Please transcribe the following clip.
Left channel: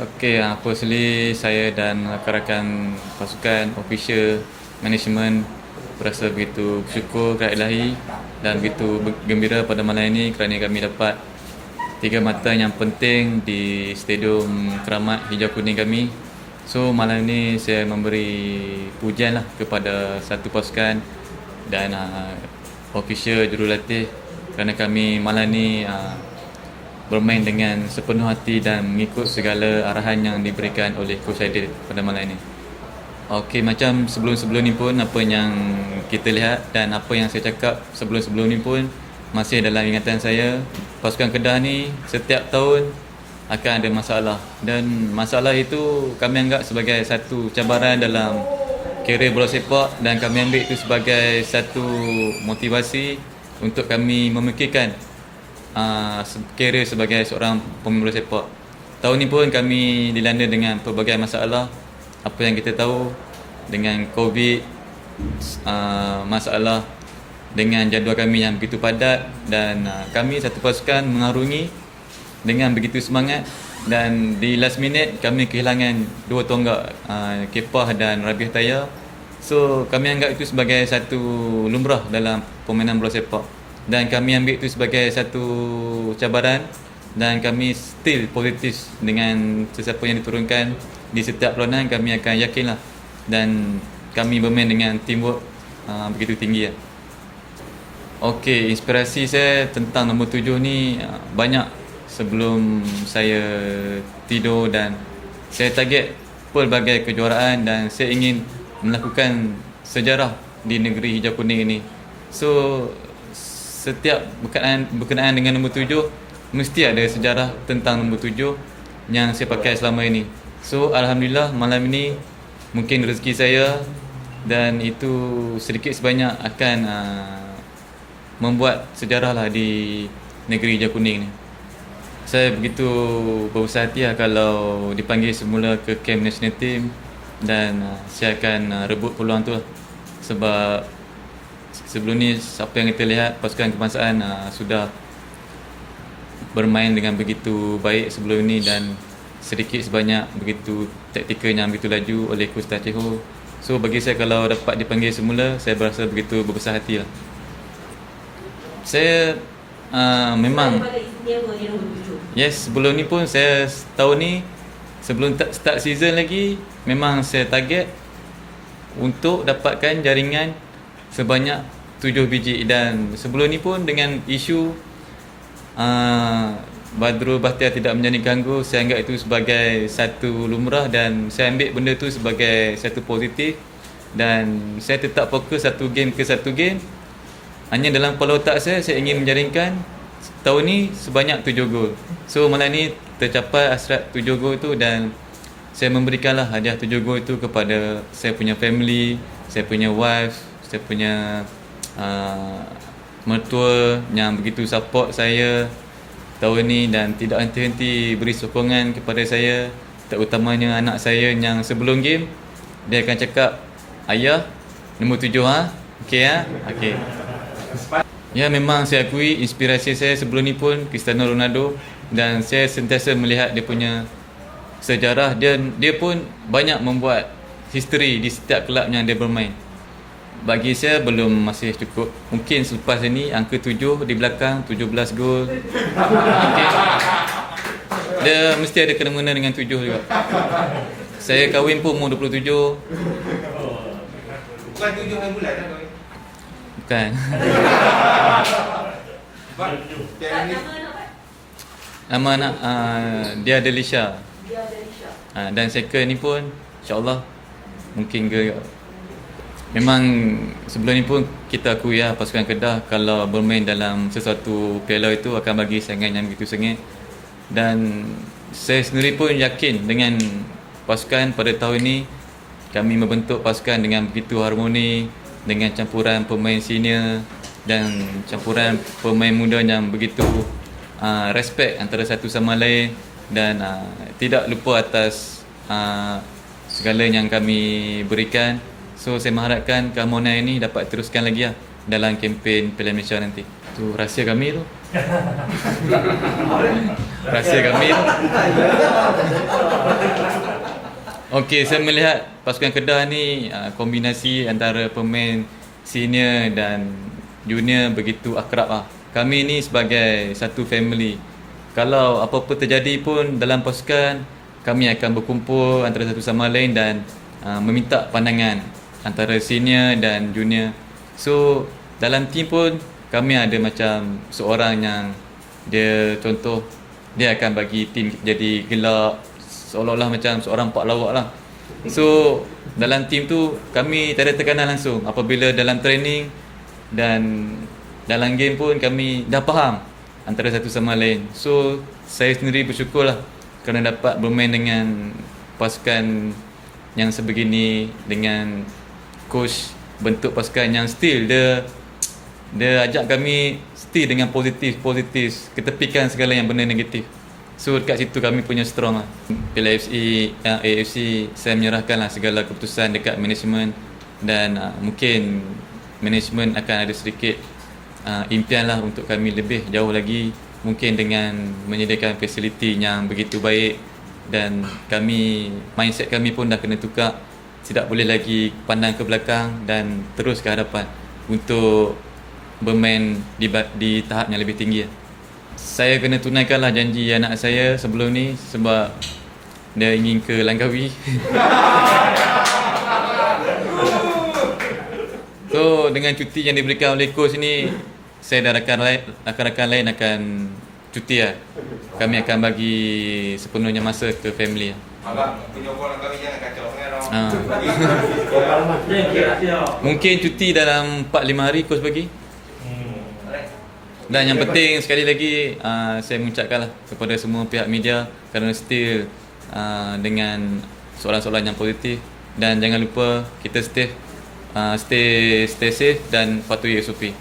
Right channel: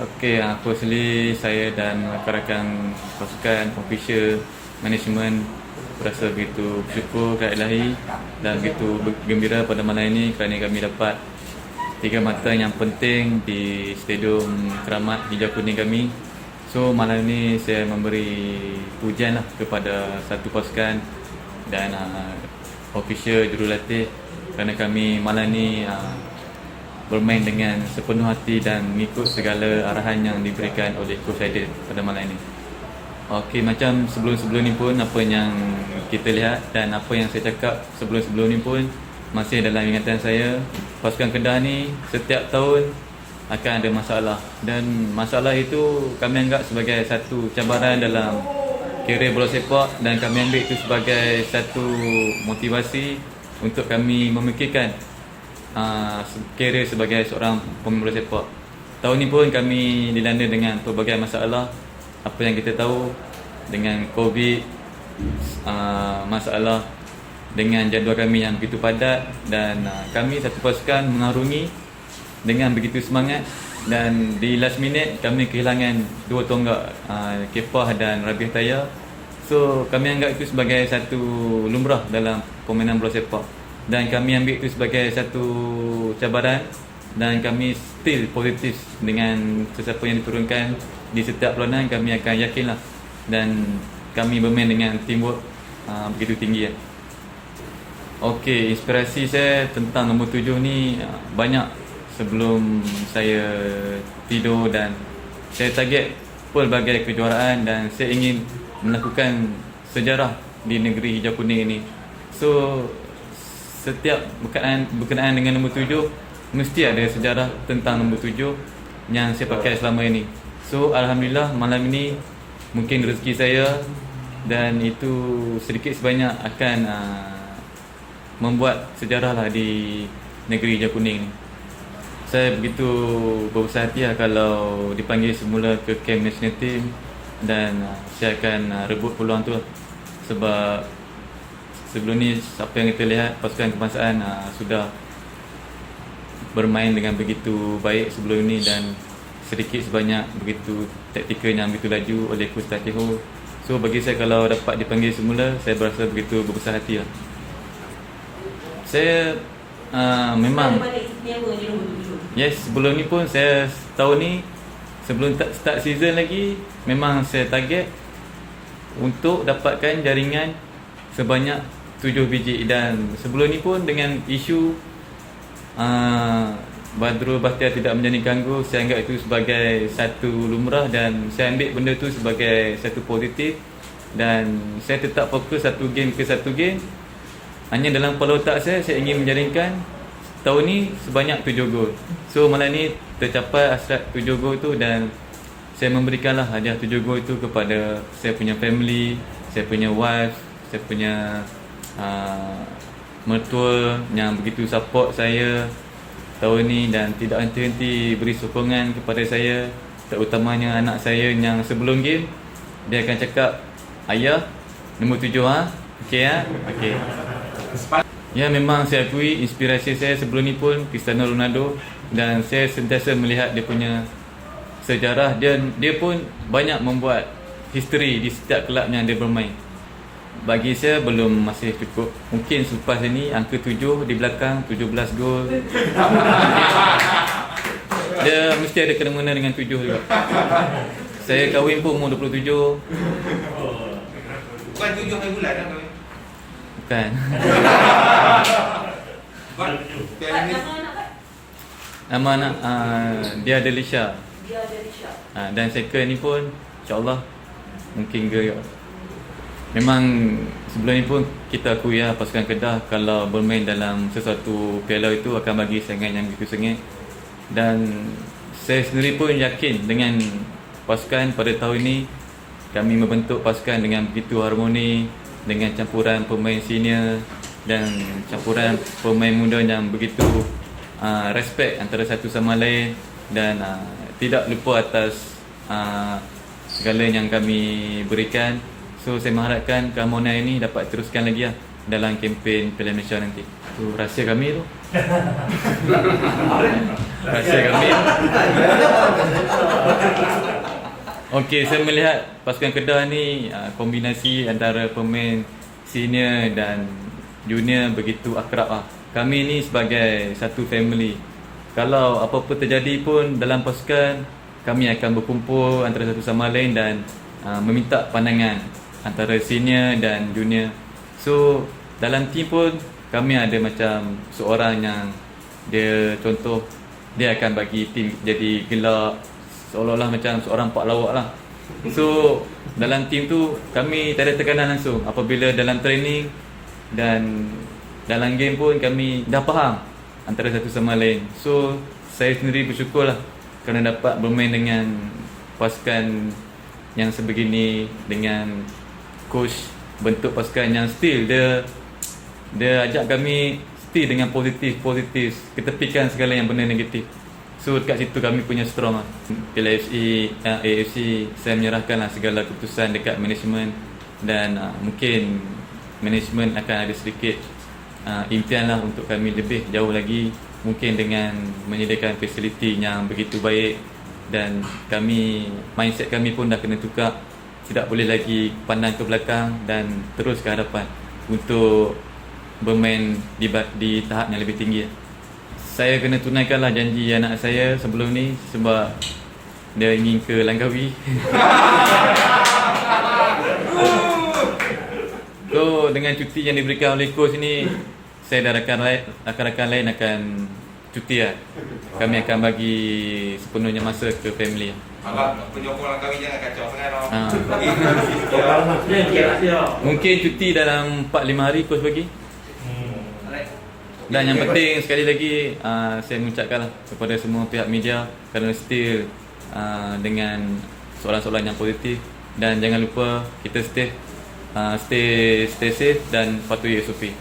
Okey, firstly saya dan rakan-rakan pasukan, official, management berasa begitu bersyukur kepada Ilahi dan begitu gembira pada malam ini kerana kami dapat tiga mata yang penting di Stadium Keramat Hijau Kuning kami. So malam ini saya memberi pujian lah kepada satu pasukan dan official jurulatih kerana kami malam ini bermain dengan sepenuh hati dan mengikut segala arahan yang diberikan oleh Coach Aidil pada malam ini. Okey, macam sebelum-sebelum ni pun apa yang kita lihat dan apa yang saya cakap sebelum-sebelum ni pun masih dalam ingatan saya. Pasukan Kedah ni setiap tahun akan ada masalah dan masalah itu kami anggap sebagai satu cabaran dalam kerjaya bola sepak dan kami ambil itu sebagai satu motivasi untuk kami memikirkan kerjaya sebagai seorang pemain bola sepak. Tahun ni pun kami dilanda dengan pelbagai masalah. Apa yang kita tahu dengan COVID, masalah dengan jadual kami yang begitu padat dan kami satu pasukan mengarungi dengan begitu semangat dan di last minute kami kehilangan dua tonggak, Kepah dan Rabiah Taya. So kami anggap itu sebagai satu lumrah dalam permainan bola sepak dan kami ambil itu sebagai satu cabaran dan kami still positif dengan sesiapa yang diturunkan di setiap perlawanan. Kami akan yakinlah dan kami bermain dengan teamwork begitu tinggi. Okey, inspirasi saya tentang nombor 7 ni banyak sebelum saya tidur dan saya target pelbagai kejuaraan dan saya ingin melakukan sejarah di negeri Hijau Kuning ini. So setiap berkenaan dengan nombor 7 mesti ada sejarah tentang nombor 7 yang saya pakai selama ini. So alhamdulillah malam ini mungkin rezeki saya dan itu sedikit sebanyak akan membuat sejarah lah di negeri Hijau Kuning ni. Saya begitu berbesar hati lah kalau dipanggil semula ke camp national team dan saya akan rebut peluang tu lah. Sebab sebelum ni apa yang kita lihat pasukan kebangsaan sudah bermain dengan begitu baik sebelum ni dan sedikit sebanyak begitu taktikal yang begitu laju oleh Coach Tacheho. So bagi saya kalau dapat dipanggil semula saya berasa begitu berbesar hati lah. Saya memang sebelum ni pun saya tahun ni sebelum start season lagi memang saya target untuk dapatkan jaringan sebanyak 7 biji dan sebelum ni pun dengan isu Badrul Bakhtiar tidak menjadi ganggu, saya anggap itu sebagai satu lumrah dan saya ambil benda tu sebagai satu positif dan saya tetap fokus satu game ke satu game. Hanya dalam kepala otak saya ingin menjaringkan tahun ni sebanyak 7 gol. So malam ni tercapai hasrat 7 gol tu dan saya memberikanlah hadiah 7 gol tu kepada saya punya family, saya punya wife, saya punya mertua yang begitu support saya tahun ni dan tidak henti-henti beri sokongan kepada saya, terutamanya anak saya yang sebelum game dia akan cakap, "Ayah, nombor 7 okey okey." Ya, memang saya akui inspirasi saya sebelum ni pun Cristiano Ronaldo dan saya sentiasa melihat dia punya sejarah dan dia pun banyak membuat history di setiap kelab yang dia bermain. Bagi saya belum masih cukup. Mungkin selepas ini angka 7 di belakang 17 gol. Dia mesti ada kena-mengena dengan 7 juga. Saya kahwin pun umur 27. Bukan 7 hari bulan dah kahwin. Bukan. Nama anak dia ada Lisha. Dan second ni pun insya-Allah mungkin girl. Memang sebelum ni pun kita akui pasukan Kedah kalau bermain dalam sesuatu piala itu akan bagi saingan yang begitu sengit dan saya sendiri pun yakin dengan pasukan pada tahun ini kami membentuk pasukan dengan begitu harmoni dengan campuran pemain senior dan campuran pemain muda yang begitu respect antara satu sama lain dan tidak lupa atas segala yang kami berikan. So saya mengharapkan keharmonian ini dapat teruskan lagi dalam kempen Piala Malaysia nanti. Itu rahsia kami tu. Rahsia kami. Okey, saya melihat pasukan Kedah ni kombinasi antara pemain senior dan junior begitu akrab lah. Kami ni sebagai satu family. Kalau apa-apa terjadi pun dalam pasukan, kami akan berkumpul antara satu sama lain dan meminta pandangan antara senior dan junior. So, dalam team pun kami ada macam seorang yang dia contoh dia akan bagi team jadi gelak, seolah-olah macam seorang pak lawak lah. So dalam team tu kami tak ada tekanan langsung. Apabila dalam training dan dalam game pun kami dah faham antara satu sama lain. So saya sendiri bersyukur lah kerana dapat bermain dengan pasukan yang sebegini, dengan coach bentuk pasukan yang still dia ajak kami still dengan positif, ketepikan segala yang benda negatif. So dekat situ kami punya strong lah. Piala AFC saya menyerahkan lah segala keputusan dekat management dan mungkin management akan ada sedikit impian lah untuk kami lebih jauh lagi, mungkin dengan menyediakan fasiliti yang begitu baik, dan kami mindset kami pun dah kena tukar, tidak boleh lagi pandang ke belakang dan terus ke hadapan untuk bermain di tahap yang lebih tinggi. Saya kena tunaikanlah janji anak saya sebelum ni sebab dia ingin ke Langkawi. So dengan cuti yang diberikan oleh coach ni, saya dan rakan-rakan lain akan cuti lah. Kami akan bagi sepenuhnya masa ke family. Abang penyokong Langkawi jangan kacau sangat. Mungkin cuti dalam 4-5 hari coach bagi. Dan yang penting sekali lagi saya mengucapkanlah kepada semua pihak media kerana still dengan soalan-soalan yang positif, dan jangan lupa kita stay safe dan patuhi SOP.